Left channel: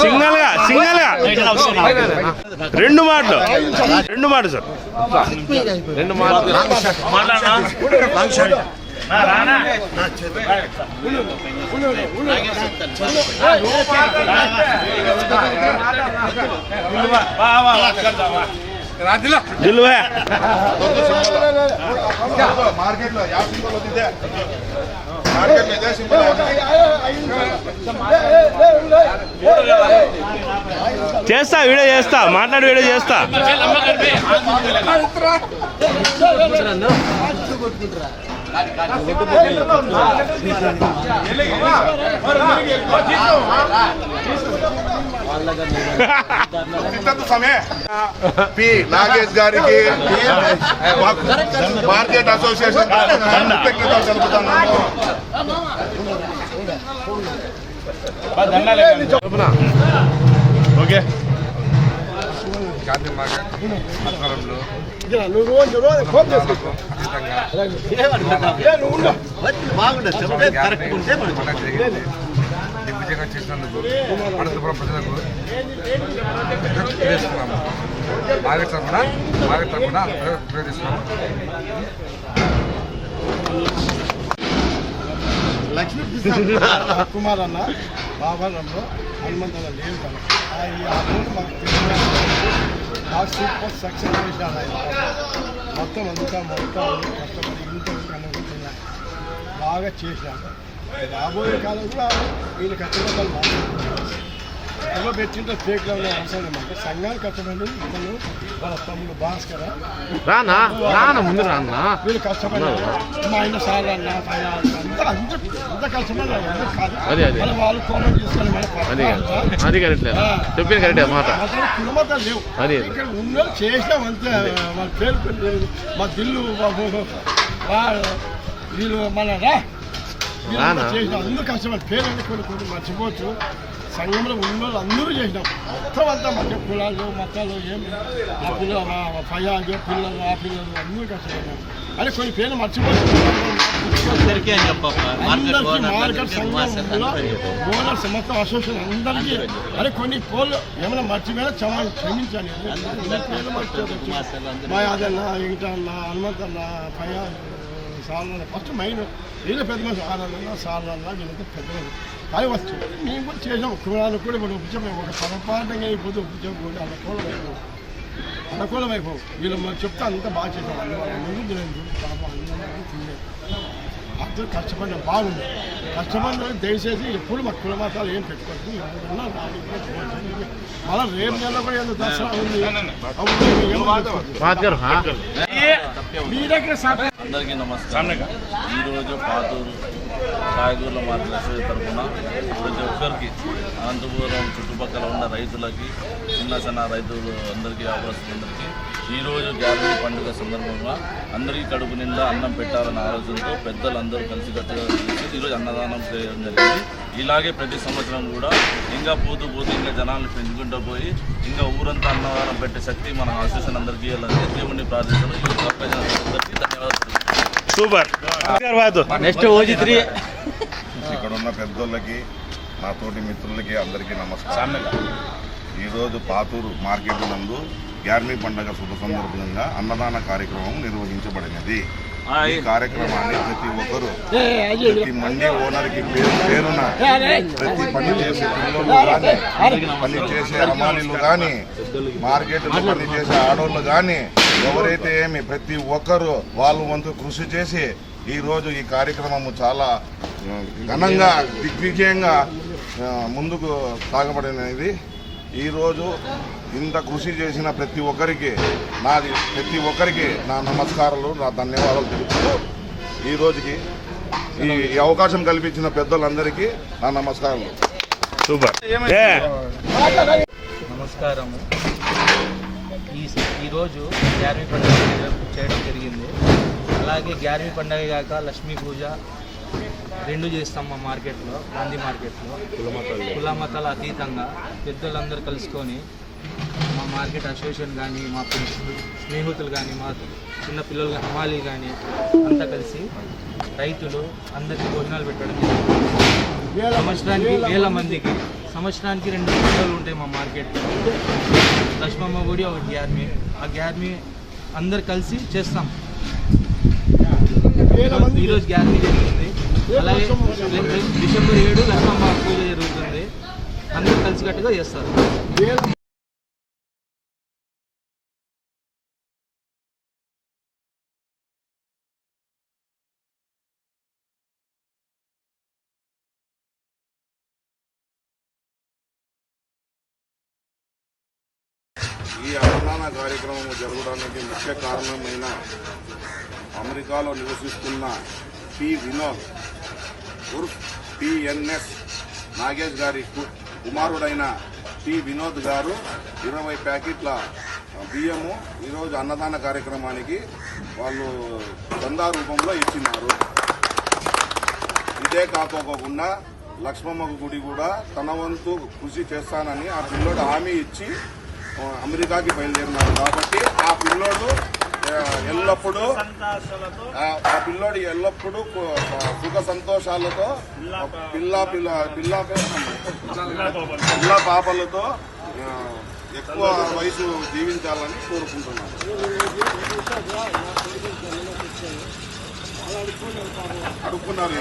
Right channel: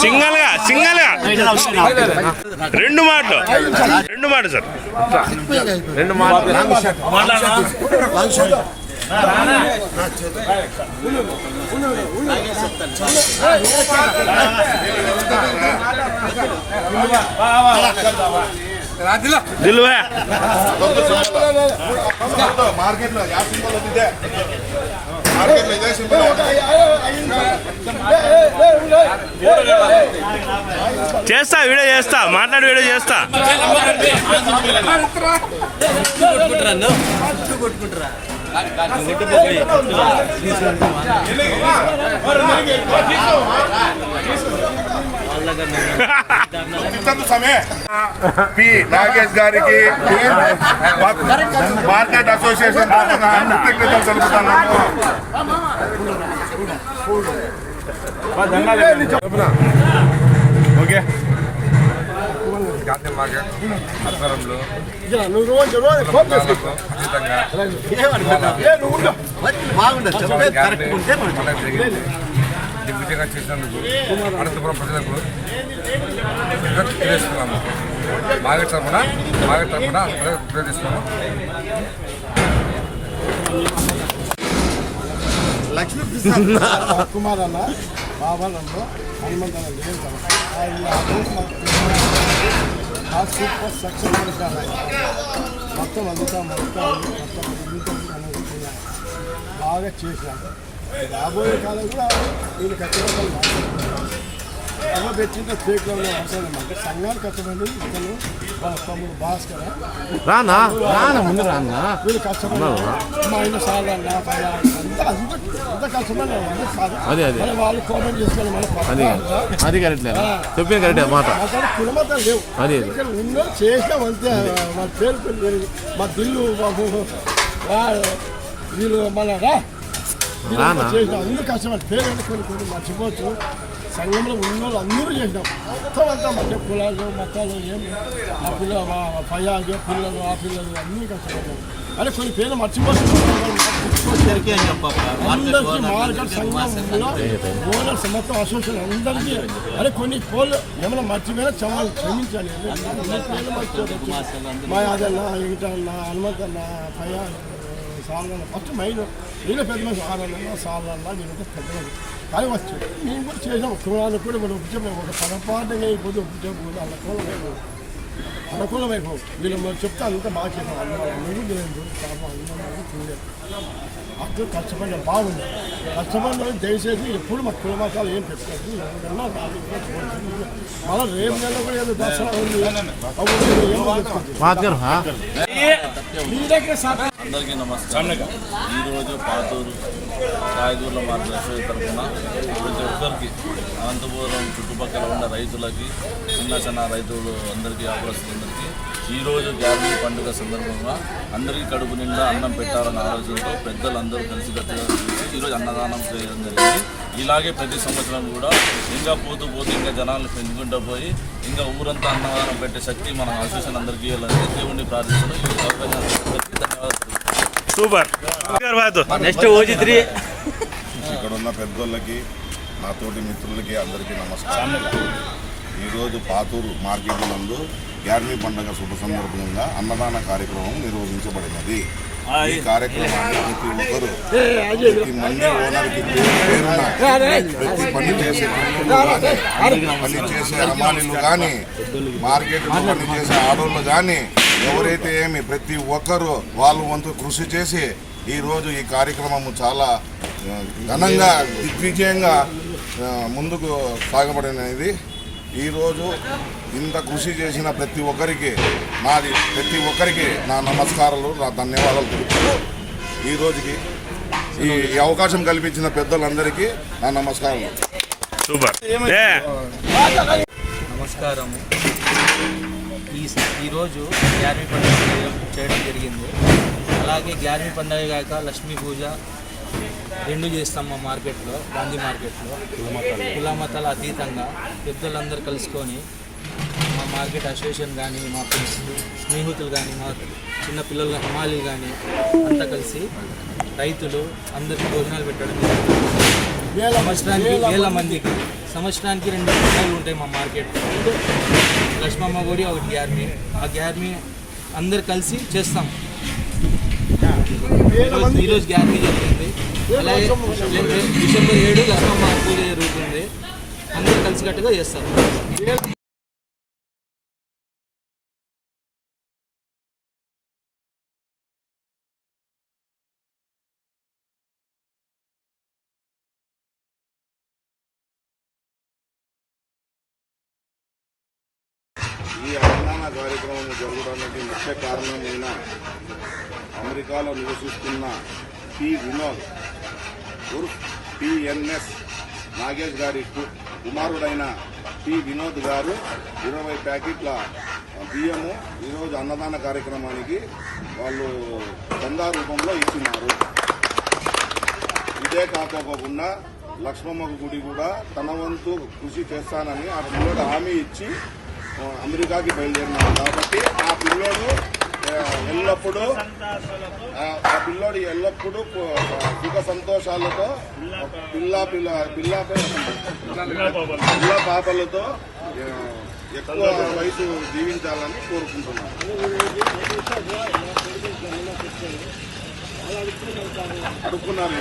Single గా రెండు మాటలు సార్ రెండు మాటలు दिलू है मार्केट लो या सिंबल होती है मार्केट ले जाए सिंबल చేస్తా వీడియో చేస్తా మాట్లాడి వీడియో చేస్తా పి నాగేష్ గారికి మార్కెట్ అసోసియేషన్ కృతజ్ఞతలు తెలుపుతున్నాను. ఓకే గాంధీ మార్కెట్ ఆధ్వర్యంలో జరిగింది. దిగ్విజయంగా చేసినందుకు అనంతపురం ప్రజలకు తెలియజేస్తున్నాము. మార్కెట్ తరఫున ఉపయోగిస్తున్నాము. కుమార్ అన్న బాబానంలో హనుమంతన్న లేదు కదా మాకు సూపర్ సక్సెస్ చేసినాడు ఆయన. మొత్తం కష్టపడి ఇంత బాగా చేసినాడు. రాబోయే కాలం కూడా వీళ్ళు కష్టపడాలి. ఎలా పెట్టింటే ఫేక్లో ఉన్న అవసరం ఏమంటే సంఘాలు కష్టపడి ఇతను వాళ్ళ తమ్ముడు భాస్కర్ వీళ్ళు కష్టపడ్డారు. మా ఆయన సార్లు అన్న అంత కష్టపడ్డారు. వాళ్ళు కామెంట్ చేసుకొని అసలు కులమతాలు లేవు ఇక్కడ ఉన్న చేసినాం అంతే. వాళ్ళ పేరు మా దిల్లు బాబు వీళ్ళు మన చేసినాం. అందరూ కష్టపడి పేరు కొన్ని మర్చిపోతూ సంఘంలో ఉన్న వాళ్ళు అందరూ చేసినాం. మొత్తం అంతా మధ్య కులాలు మతాలు ఏమి ఆ పిల్లలు మా పయ్యాలు పిల్లలు ఆ పిల్లలు అందరూ కష్టపడ్డారు. అదే కొన్ని పేర్లు మర్చిపోతుంది. మార్కెట్ సంఘంలో ఓనర్స్ మొత్తం అసోసియేషన్ అందరికీ అదే కొన్ని పోలు ఏమైనా మర్చిపోయినా క్షమించాలి. మా యాదన్న వెంకటన్న హనుమంతన్న పయ్యాలు సార్లన్న ఫస్ట్ మైండ్ వీళ్ళ పెద్ద మనిషి ఆనన్న సార్లన్న వీళ్ళతో పెద్ద మనిషి కానీ వచ్చి మేము కూడా చేసాం. కులాలు కూడా మనం ఉపయోగం ఒక పొరపాటుగా అయిపోతే ఉపయోగం అనుకూలం అయిపోవు. వీళ్ళు మనం చెప్తే అంతా బాగా చేసాం. అందరూ చూడలేదు అందరూ కష్టపడిన బాగుంది. కష్టపడిన దయచేసి ఎప్పుడు మా కుల మతాలు ఏం పెట్టుకోవచ్చు. మళ్ళీ రేపు నెల కూడా ఏదో దసరా ఉంది. అందరికీ నమస్కారం. ఈరోజు పాతూరు కాయగూరల మార్కెట్ తరఫున ప్రతి ఒక్కరికి అనంతపురం చుట్టుపక్కల ఉన్న రైతులకి చిన్న రైతులు అందరికీ వ్యాపారస్తులందరికీ ఈరోజు గ్యారంటీ పండుగ సందర్భంగా అందరికీ కడుపు నిండా అన్నం పెట్టాలనే ఆలోచనతో పెద్దలందరూ కలిసికట్టుగా చేసి ఈరోజు అన్నదానం చేయడం జరిగింది. ఇలాగే ప్రతి సంవత్సరం కూడా ఇంకా పోతూ ఇంకా జనాలను పెంచుకుంటూ పోయి ఇంకా ఊరంతా అన్నదానం పెట్టే శక్తి మన అసోసియేషన్ అందరికీ ఇవ్వాలని దేవుడిని ప్రార్థిస్తున్నాం. ఈ అవకాశానికి ధన్యవాదాలు. సూపర్. ఇక్కడ ఉన్న పెద్దోళ్ళకి నా తోటి మిత్రులకి అందరికీ నమస్కారం. ఈరోజు పాతూరు మార్కెట్ నందు గ్యార్మీ పండుగ శుభ సందర్భంగా అన్నదాన కార్యక్రమం నిర్వహించబడినది. ఈ కార్యక్రమాన్ని ప్రతి ఒక్కరూ ప్రతి మండీ ఓనర్కి పేరున ప్రతి పని చేసే పిల్లలు కానీ పని చేసే అమాలీలు కానీ మార్కెట్లో పని చేసే ఆడోళ్ళు కానీ ఎవరైతే ఏమి ప్రతి ఒక్కరూ వాళ్ళు వంతు కృషి చేసి ఈరోజు ఈ కార్యక్రమము చాలా ఘనంగా దిగ్విజయంగా ముందుకు సాగబడినది. ఈరోజు ఇంత కృషి చేసిన ప్రతి ఒక్కరికి నా నమస్కారాలు, నా ధన్యవాదాలు తెలుపుతూ ఈరోజుకి ఈ అవకాశం కల్పించిన పెద్దలందరికీ నా నమస్కారాలు. సూపర్. నమస్కారము. ఈరోజు గ్యార్మీ పండుగ చేయడం జరిగింది. అలాగే గ్యార్మీ పండుగ కాక లక్ష్మీ పూజ రెండు చేస్తాం మా మార్కెట్లో, గాంధీ మార్కెట్లో. కుల మతాల అతీతంగా పెద్దలందరూ కలుసుకొని మా మార్కెట్ అసోసియేషన్ కానీ మా స్నేహితులు కానీ మా చిన్న పిల్లలు కానీ హమాలీలు కానీ అంతా కలిసి రైతులు అందరికీ భోజనాలు పెట్టడం జరిగింది. వేల మందికి సంవత్సరానికి 2 పండుగలు ఉంటాయి మా మార్కెట్లో. లక్ష్మమ్మ గుడి, ఒకటి గ్యార్మీ. ఆ గ్యార్మీ అందరు కలిసి చేస్తాం. ఈరోజు గ్యార్మీ జరిగింది. అలాగే డిసెంబర్ 7 లక్ష్మమ్మ పూజ జరుగుతుంది. అందరూ కలిసికట్టుగా చేస్తారు. ఈ అన్నదాన కార్యక్రమం జరగడానికి ముఖ్య కారణమైన అమెరికాలో నివసిస్తున్న పి వినోద్ ఉర్ఫ్ పిఎన్ఎస్ నాగేష్ గారి కుమారుడైన పి వినోద్ గారు 20 ప్యాకెట్ల బియ్యము ఈరోజు అన్నదాన కార్యక్రమానికి వాళ్ళు చందా రూపంలో ఇచ్చినారు. ఇదే కాకోకుండా లక్ష్మమ్మ గుడి కూడా తన వంతు కృషి చేస్తానని ఆ పిల్లోడు హామీ ఇచ్చి అమెరికాకి బయలుదేరినారు. కాబట్టి ఆ పిల్లోడు ఎల్లప్పుడూ సుఖ సంతోషాలతో పిల్ల పాపలతో ఎక్కువ వయసు జీవించాలని కోరుకుంటున్నాను. అడుక్కున్నారు